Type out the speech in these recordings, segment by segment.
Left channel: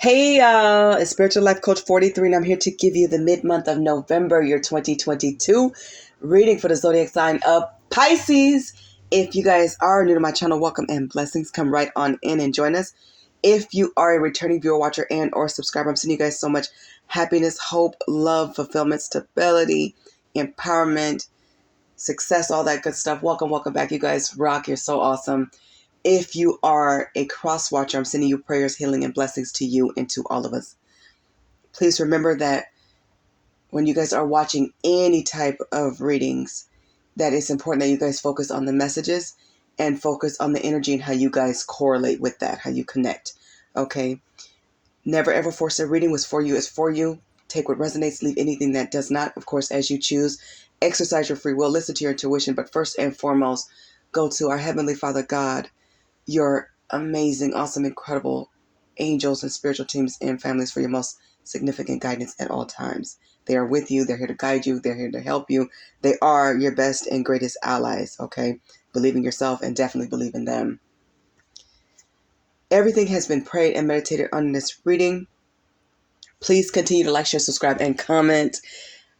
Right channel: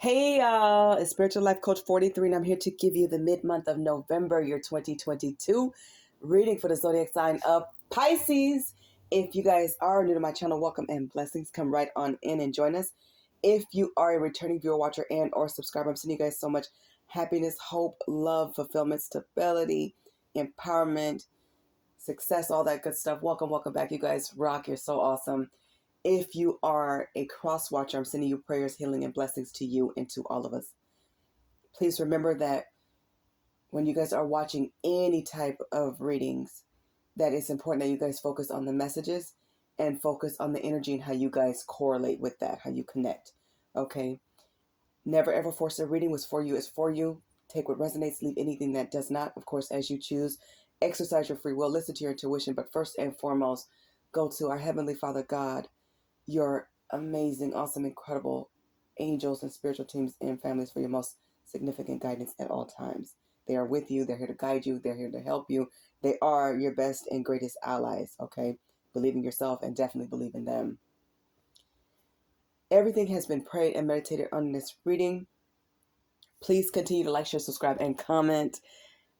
Hey, it's Spiritual Life Coach 43, and I'm here to give you the mid-month of November, year 2022, reading for the zodiac sign of Pisces. If you guys are new to my channel, welcome and blessings. Come right on in and join us. If you are a returning viewer, watcher, and or subscriber, I'm sending you guys so much happiness, hope, love, fulfillment, stability, empowerment, success, all that good stuff. Welcome back. You guys rock. You're so awesome. If you are a cross watcher, I'm sending you prayers, healing, and blessings to you and to all of us. Please remember that when you guys are watching any type of readings, that it's important that you guys focus on the messages and focus on the energy and how you guys correlate with that, how you connect. Okay? Never ever force a reading. What's for you is for you. Take what resonates, leave anything that does not, of course, as you choose. Exercise your free will, listen to your intuition, but first and foremost, go to our Heavenly Father God, your amazing, awesome, incredible angels and spiritual teams and families for your most significant guidance at all times. They are with you. They're here to guide you. They're here to help you. They are your best and greatest allies, okay? Believe in yourself and definitely believe in them. Everything has been prayed and meditated on in this reading. Please continue to like, share, subscribe, and comment.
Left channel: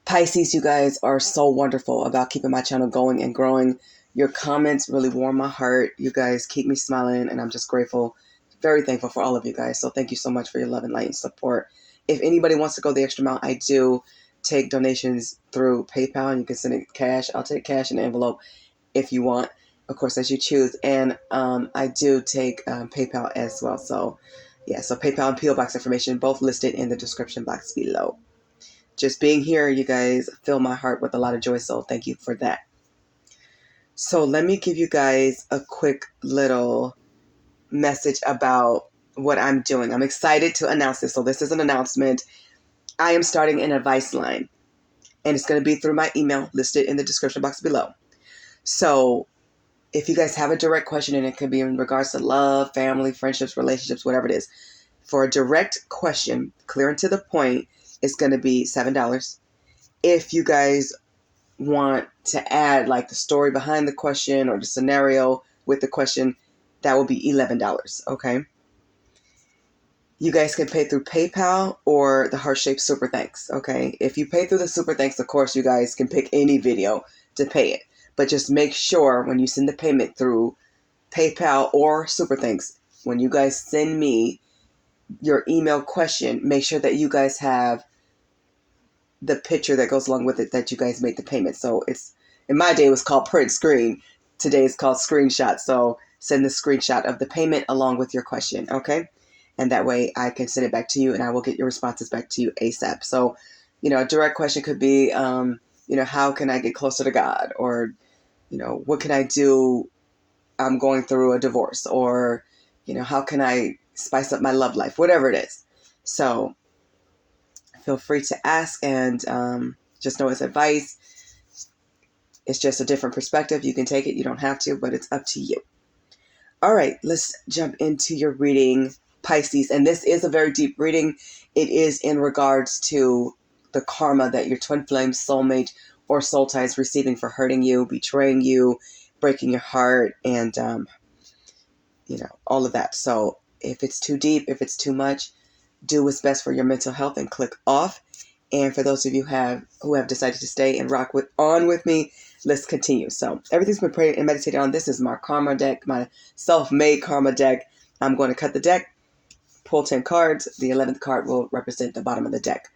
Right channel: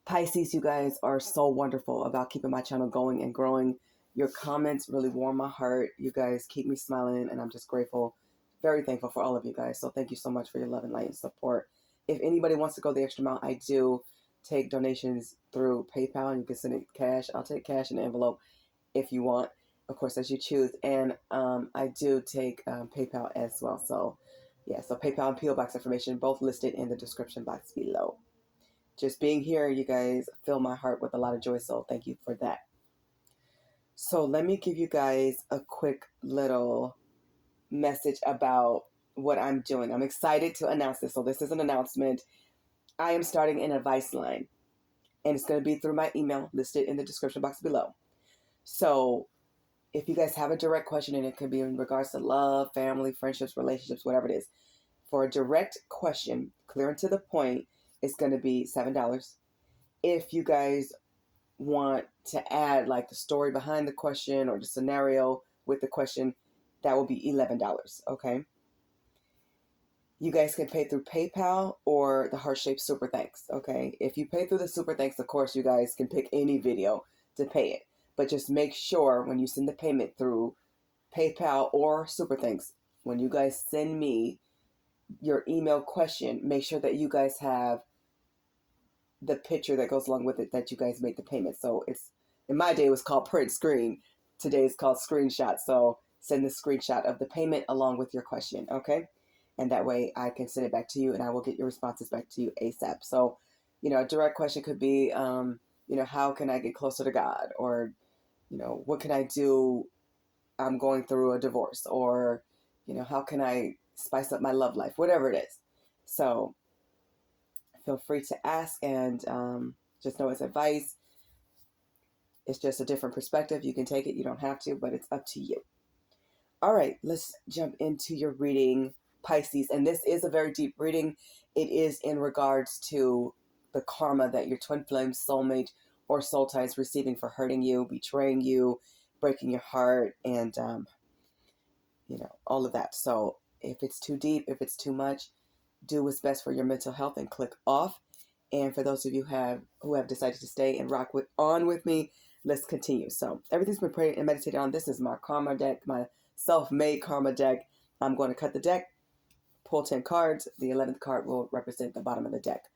Pisces, you guys are so wonderful about keeping my channel going and growing. Your comments really warm my heart. You guys keep me smiling, and I'm just grateful, very thankful for all of you guys. So thank you so much for your love and light and support. If anybody wants to go the extra mile, I do take donations through PayPal, and you can send it cash. I'll take cash in an envelope if you want, of course, as you choose. And I do take PayPal as well. So yeah, so PayPal and PO Box information both listed in the description box below. Just being here, you guys fill my heart with a lot of joy, so thank you for that. So let me give you guys a quick little message about what I'm doing. I'm excited to announce this. So this is an announcement. I am starting an advice line, and it's going to be through my email listed in the description box below. So if you guys have a direct question, and it could be in regards to love, family, friendships, relationships, whatever it is, for a direct question, clear and to the point, it's going to be $7. If you guys want to add like the story behind the question or the scenario with the question, that will be $11. Okay. You guys can pay through PayPal or the heart-shaped super thanks. Okay. If you pay through the super thanks, of course, you guys can pick any video to pay it. But just make sure when you send the payment through PayPal or super thanks, when you guys send me your email question, make sure that you guys have the picture that goes along with it that you guys made the payment. So it's, in my day, it was called print screen. Today is called screenshot. So send the screenshot of the payment along with your question, okay? And that way I can send it back to you and I will get your responses back to you ASAP. So, a direct question could be, how can I get closer to God? Or, what can I do? I'm going through a divorce. Or, how can I spice up my love life? Whatever it is. So feel free to ask, and just know it's advice. It's just a different perspective. You can take it, you don't have to, but it's up to you. All right, let's jump into your reading, Pisces. And this is a very deep reading. It is in regards to the karma that your twin flame, soulmate, or soul tie is receiving for hurting you, betraying you, breaking your heart, and all of that. So if it's too deep, if it's too much, do what's best for your mental health and click off. And for those of you who have decided to stay and rock on with me, let's continue. So everything's been prayed and meditated on. This is my karma deck, my self-made karma deck. I'm going to cut the deck, pull 10 cards. The 11th card will represent the bottom of the deck.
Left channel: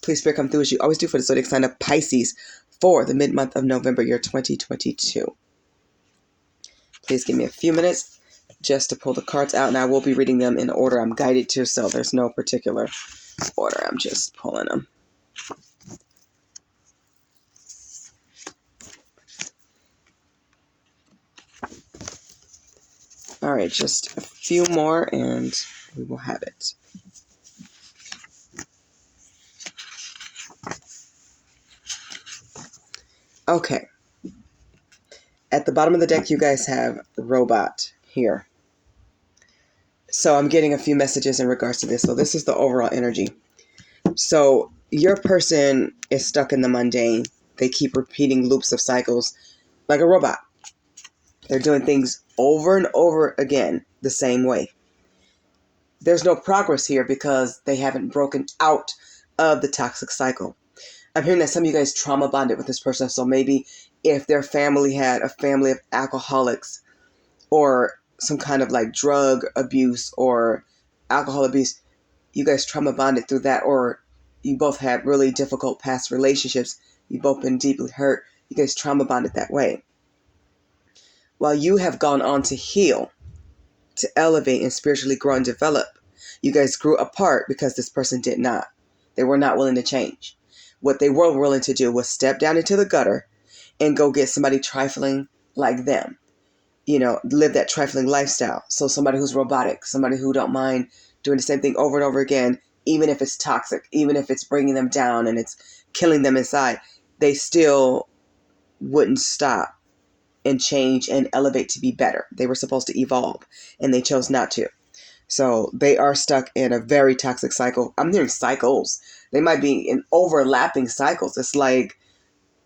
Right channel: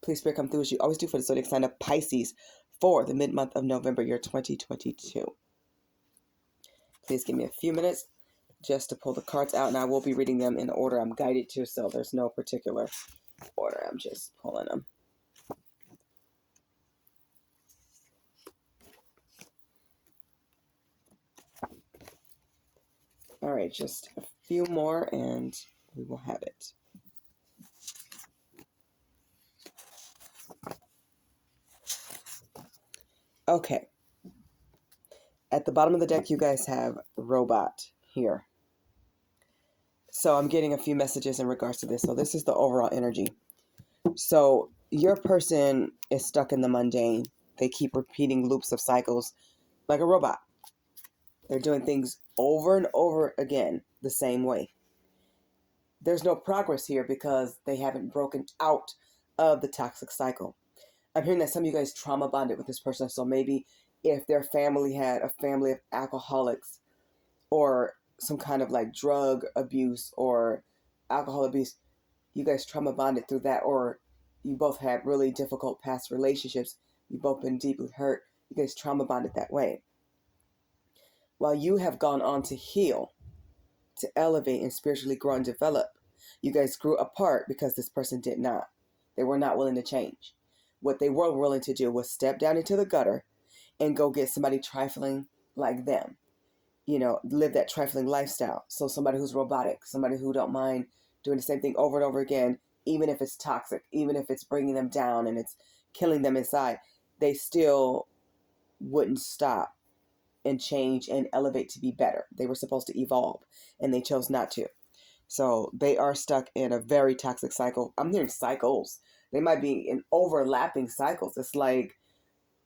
Please, Spirit, come through as you always do for the zodiac sign of Pisces for the mid-month of November, year 2022. Please give me a few minutes just to pull the cards out, and I will be reading them in the order I'm guided to, so there's no particular order. I'm just pulling them. All right, just a few more and we will have it. Okay. At the bottom of the deck, you guys have robot here. So I'm getting a few messages in regards to this. So this is the overall energy. So your person is stuck in the mundane. They keep repeating loops of cycles like a robot. They're doing things over and over again the same way. there's no progress here because they haven't broken out of the toxic cycle. I'm hearing that some of you guys trauma bonded with this person. So maybe if their family had a family of alcoholics or some kind of like drug abuse or alcohol abuse, you guys trauma bonded through that, or you both had really difficult past relationships. You've both been deeply hurt. You guys trauma bonded that way. While you have gone on to heal, to elevate and spiritually grow and develop, you guys grew apart because this person did not. They were not willing to change. What they were willing to do was step down into the gutter and go get somebody trifling like them. You know, live that trifling lifestyle. So somebody who's robotic, somebody who don't mind doing the same thing over and over again, even if it's toxic, even if it's bringing them down and it's killing them inside, they still wouldn't stop and change and elevate to be better. They were supposed to evolve and they chose not to. So they are stuck in a very toxic cycle. I'm hearing cycles. They might be in overlapping cycles. It's like,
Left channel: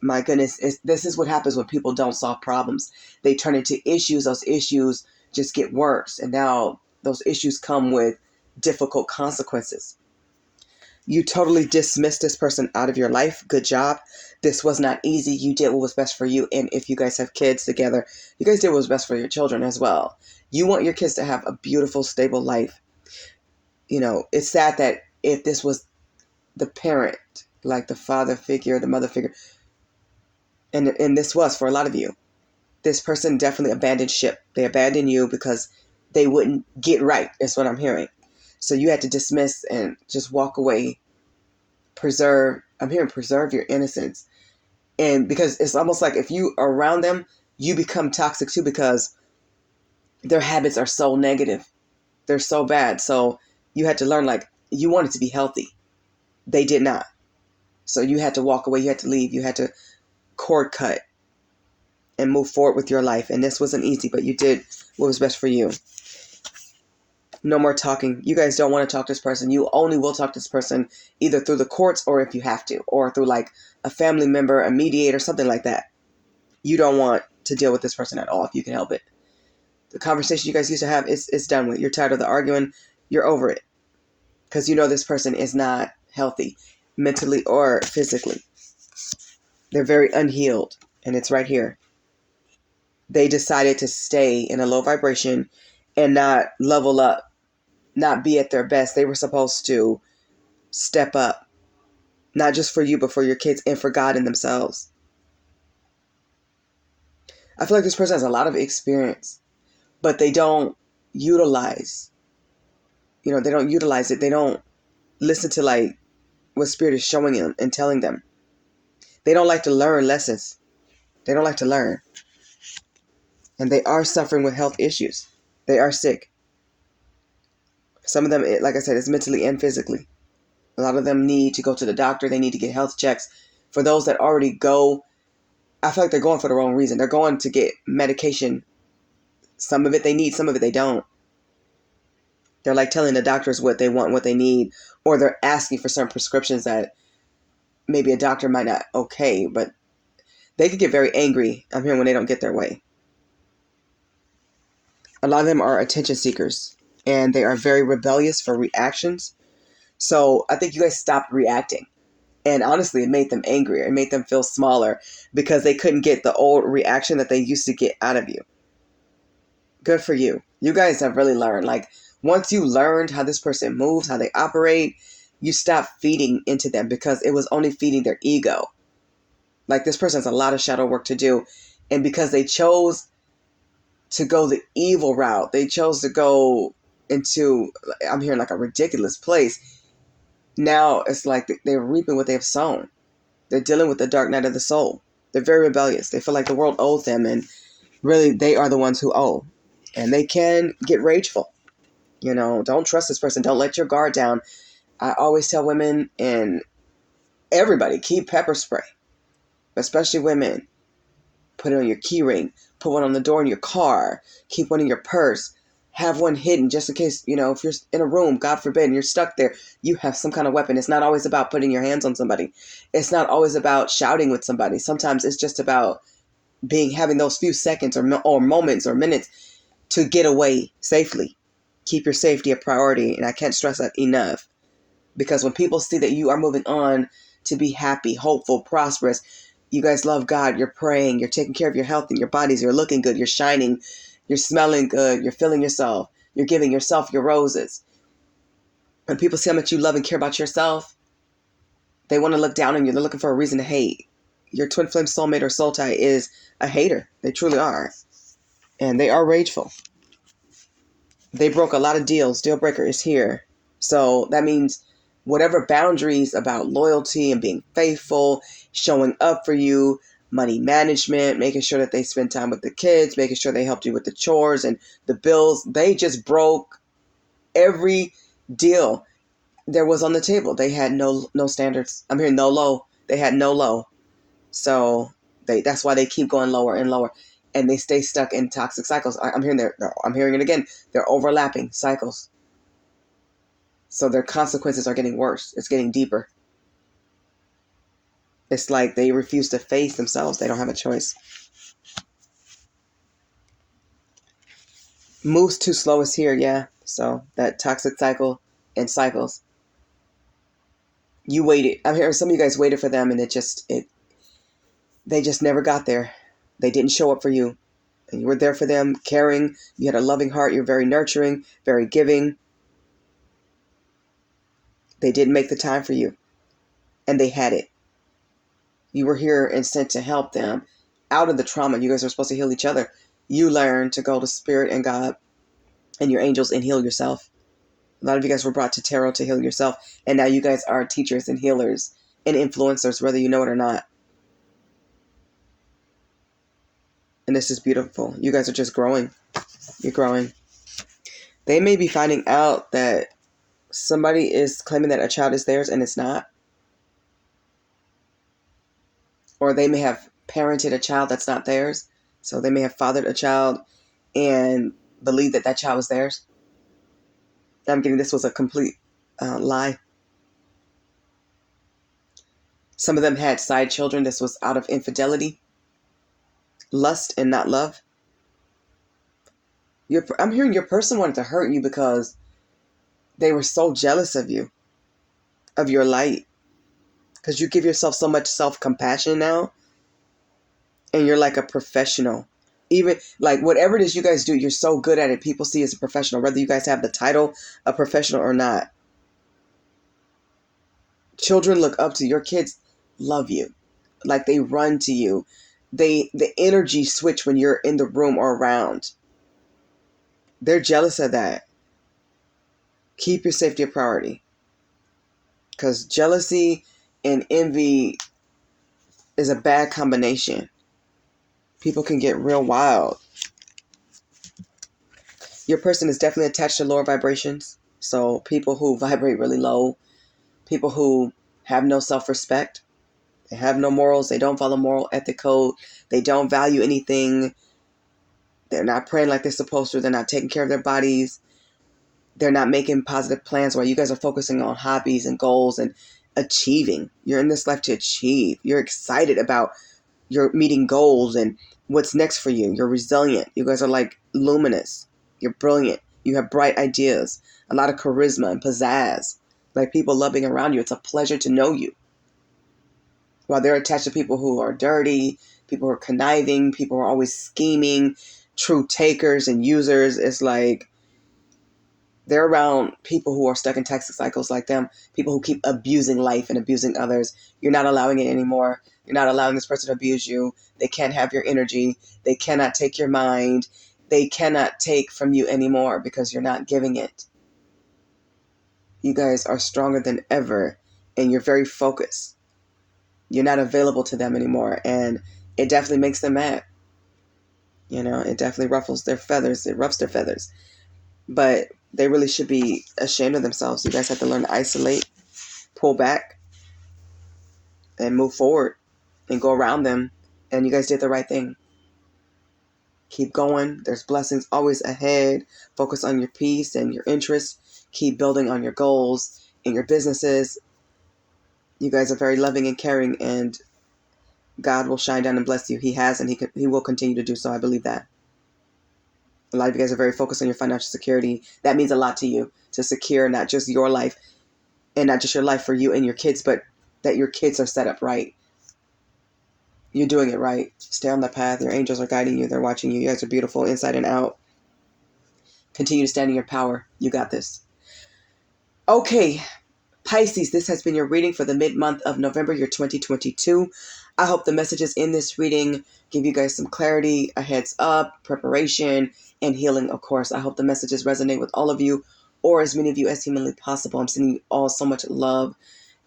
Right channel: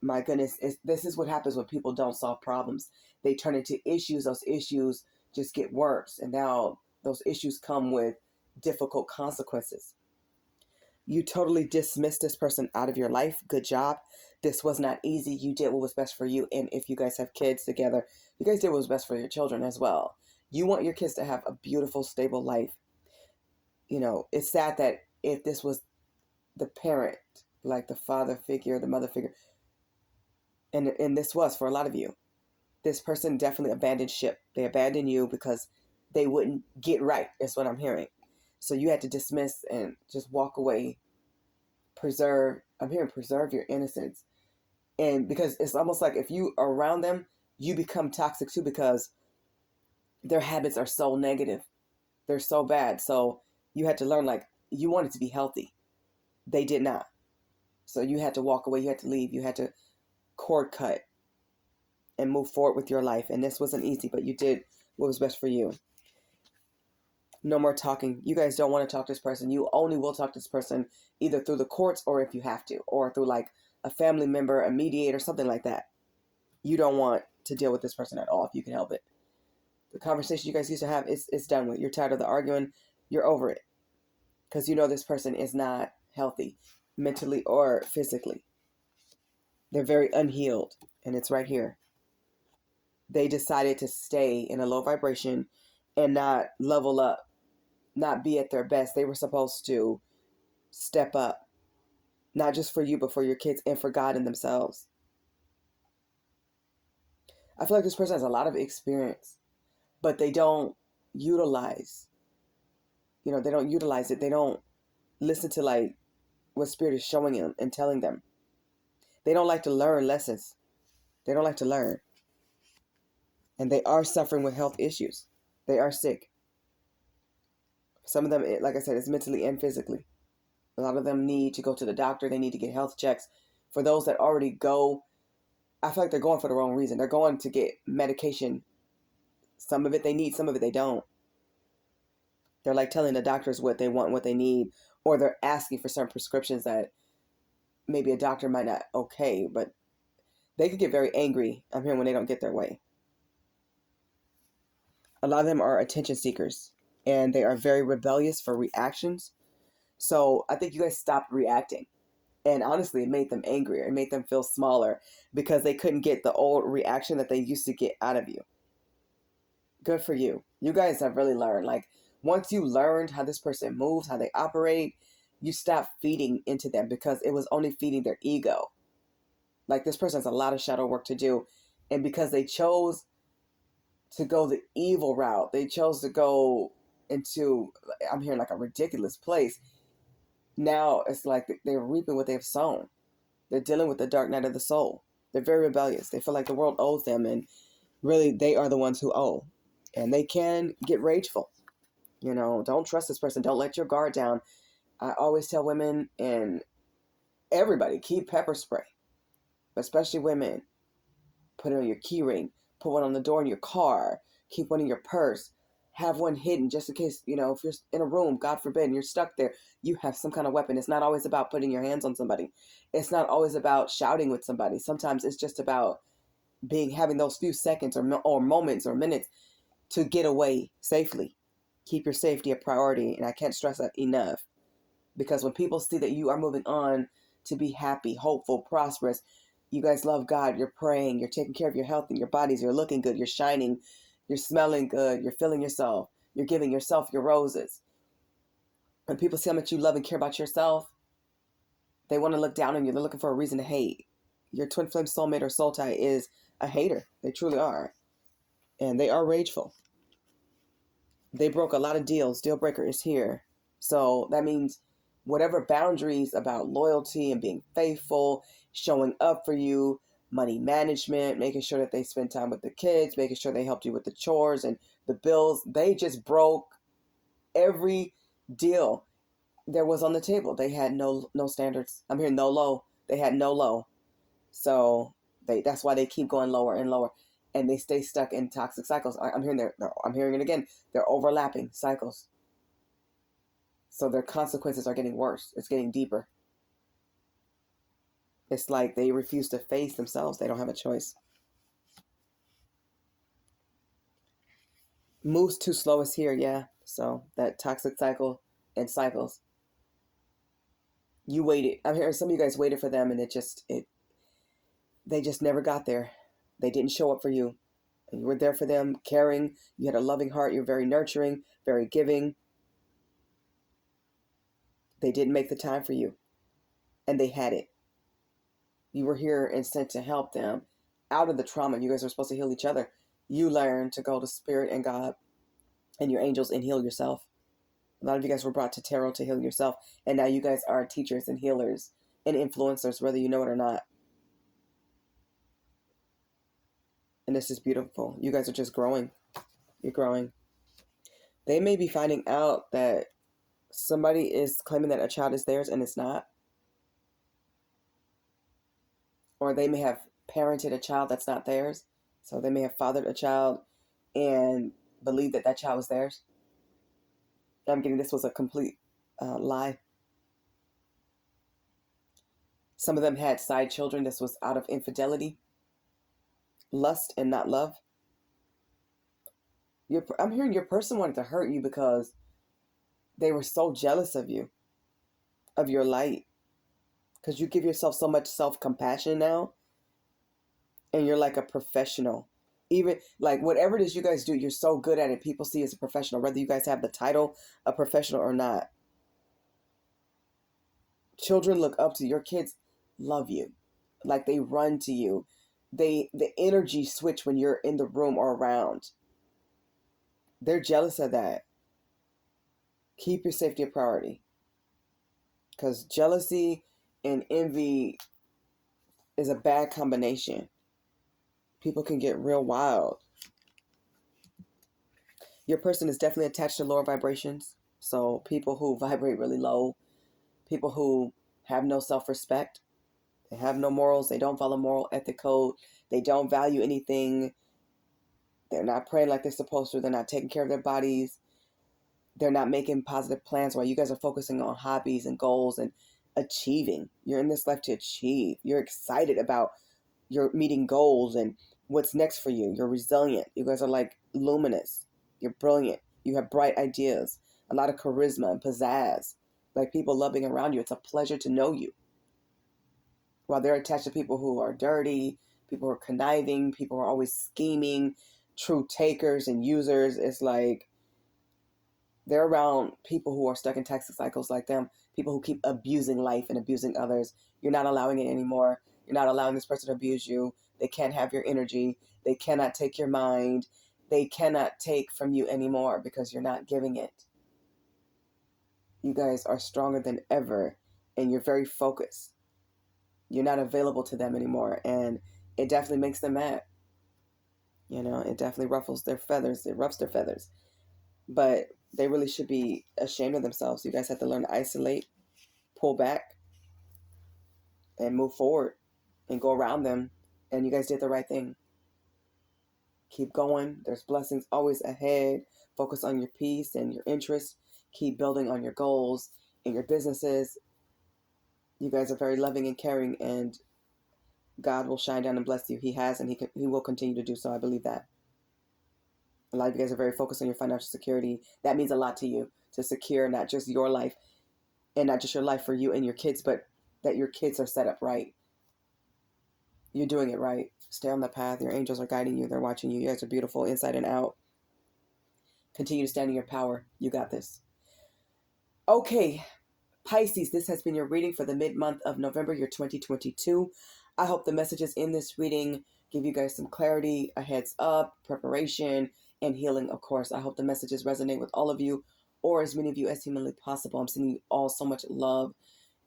my goodness, this is what happens when people don't solve problems. They turn into issues. Those issues just get worse. And now those issues come with difficult consequences. You totally dismissed this person out of your life. Good job. This was not easy. You did what was best for you. And if you guys have kids together, you guys did what was best for your children as well. You want your kids to have a beautiful, stable life. You know, it's sad that if this was the parent, like the father figure, the mother figure, and this was for a lot of you, this person definitely abandoned ship. They abandoned you because they wouldn't get right, is what I'm hearing. So you had to dismiss and just walk away. I'm hearing preserve your innocence. And because it's almost like if you are around them, you become toxic too, because their habits are so negative. They're so bad. So you had to learn, like, you wanted to be healthy. They did not. So you had to walk away. You had to leave. You had to cord cut and move forward with your life. And this wasn't easy, but you did what was best for you. No more talking. You guys don't want to talk to this person. You only will talk to this person either through the courts or if you have to, or through like a family member, a mediator, something like that. You don't want to deal with this person at all if you can help it. The conversation you guys used to have is done with. You're tired of the arguing. You're over it. Because you know this person is not healthy mentally or physically. They're very unhealed. And it's right here. They decided to stay in a low vibration and not level up, not be at their best. They were supposed to step up, not just for you, but for your kids and for God and themselves. I feel like this person has a lot of experience, but they don't utilize, they don't utilize it. They don't listen to like what Spirit is showing them and telling them. They don't like to learn lessons. They don't like to learn. And they are suffering with health issues. They are sick. Some of them, like I said, is mentally and physically. A lot of them need to go to the doctor. They need to get health checks. For those that already go, I feel like they're going for the wrong reason. They're going to get medication. Some of it they need, some of it they don't. They're like telling the doctors what they want, what they need, or they're asking for certain prescriptions that maybe a doctor might not okay, but they could get very angry, I'm hearing, when they don't get their way. A lot of them are attention seekers, and they are very rebellious for reactions. So I think you guys stopped reacting. And honestly, it made them angrier. It made them feel smaller because they couldn't get the old reaction that they used to get out of you. Good for you. You guys have really learned. Like, once you learned how this person moves, how they operate, you stop feeding into them because it was only feeding their ego. Like, this person has a lot of shadow work to do. And because they chose to go the evil route, they chose to go into, I'm hearing, like a ridiculous place. Now it's like they're reaping what they've sown. They're dealing with the dark night of the soul. They're very rebellious. They feel like the world owes them, and really they are the ones who owe. And they can get rageful. Don't trust this person. Don't let your guard down. I always tell women and everybody, keep pepper spray, especially women. Put it on your key ring. Put one on the door in your car. Keep one in your purse. Have one hidden just in case, if you're in a room, God forbid, and you're stuck there, you have some kind of weapon. It's not always about putting your hands on somebody. It's not always about shouting with somebody. Sometimes it's just about having those few seconds or moments or minutes to get away safely. Keep your safety a priority. And I can't stress that enough. Because when people see that you are moving on to be happy, hopeful, prosperous, you guys love God, you're praying, you're taking care of your health and your bodies, you're looking good, you're shining, you're smelling good, you're feeling yourself, you're giving yourself your roses. When people see how much you love and care about yourself, they want to look down on you. They're looking for a reason to hate. Your twin flame soulmate or soul tie is a hater. They truly are. And they are rageful. They broke a lot of deals. Deal breaker is here. So that means whatever boundaries about loyalty and being faithful, showing up for you, money management, making sure that they spend time with the kids, making sure they helped you with the chores and the bills, they just broke every deal there was on the table. They had no standards. I'm hearing no low. They had no low. So that's why they keep going lower and lower. And they stay stuck in toxic cycles. I'm hearing it again. They're overlapping cycles. So their consequences are getting worse. It's getting deeper. It's like they refuse to face themselves. They don't have a choice. Moves too slow is here, yeah. So that toxic cycle and cycles. You waited. I'm hearing some of you guys waited for them, and they just never got there. They didn't show up for you. And you were there for them, caring. You had a loving heart. You're very nurturing, very giving. They didn't make the time for you. And they had it. You were here and sent to help them out of the trauma. You guys are supposed to heal each other. You learn to go to Spirit and God and your angels and heal yourself. A lot of you guys were brought to tarot to heal yourself. And now you guys are teachers and healers and influencers, whether you know it or not. And this is beautiful. You guys are just growing. You're growing. They may be finding out that somebody is claiming that a child is theirs and it's not. Or they may have parented a child that's not theirs. So they may have fathered a child and believe that child was theirs. I'm getting this was a complete lie. Some of them had side children. This was out of infidelity, lust, and not love. I'm hearing your person wanted to hurt you because they were so jealous of you, of your light. Because you give yourself so much self-compassion now. And you're like a professional. Even like whatever it is you guys do, you're so good at it. People see you as a professional, whether you guys have the title of professional or not. Children look up to you. Your kids love you. Like they run to you. The energy switch when you're in the room or around. They're jealous of that. Keep your safety a priority. Because jealousy and envy is a bad combination. People can get real wild. Your person is definitely attached to lower vibrations. So people who vibrate really low, people who have no self-respect, they have no morals, they don't follow moral ethic code, they don't value anything, they're not praying like they're supposed to, they're not taking care of their bodies, they're not making positive plans while you guys are focusing on hobbies and goals and achieving. You're in this life to achieve. You're excited about your meeting goals and what's next for you. You're resilient. You guys are like luminous. You're brilliant. You have bright ideas, a lot of charisma and pizzazz. Like people love being around you. It's a pleasure to know you. While they're attached to people who are dirty, people who are conniving, people who are always scheming, true takers and users. It's like they're around people who are stuck in toxic cycles like them, people who keep abusing life and abusing others. You're not allowing it anymore. You're not allowing this person to abuse you. They can't have your energy. They cannot take your mind. They cannot take from you anymore because you're not giving it. You guys are stronger than ever and you're very focused. You're not available to them anymore, and it definitely makes them mad. You know, it definitely ruffles their feathers. It roughs their feathers. But they really should be ashamed of themselves. You guys have to learn to isolate, pull back, and move forward and go around them. And you guys did the right thing. Keep going. There's blessings always ahead. Focus on your peace and your interests. Keep building on your goals and your businesses. You guys are very loving and caring, and God will shine down and bless you. He has, and he will continue to do so. I believe that. A lot of you guys are very focused on your financial security. That means a lot to you, to secure not just your life and not just your life for you and your kids, but that your kids are set up right. You're doing it right. Stay on that path. Your angels are guiding you. They're watching you. You guys are beautiful inside and out. Continue to stand in your power. You got this. Okay, Pisces, this has been your reading for the mid-month of November, year 2022. I hope the messages in this reading give you guys some clarity, a heads up, preparation, and healing, of course. I hope the messages resonate with all of you, or as many of you as humanly possible. I'm sending you all so much love,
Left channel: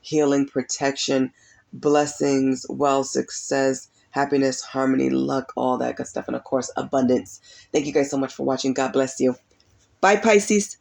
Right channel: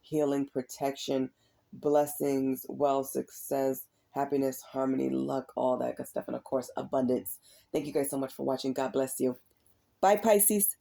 healing, protection, blessings, wealth, success, happiness, harmony, luck, all that good stuff, and of course, abundance. Thank you guys so much for watching. God bless you. Bye, Pisces.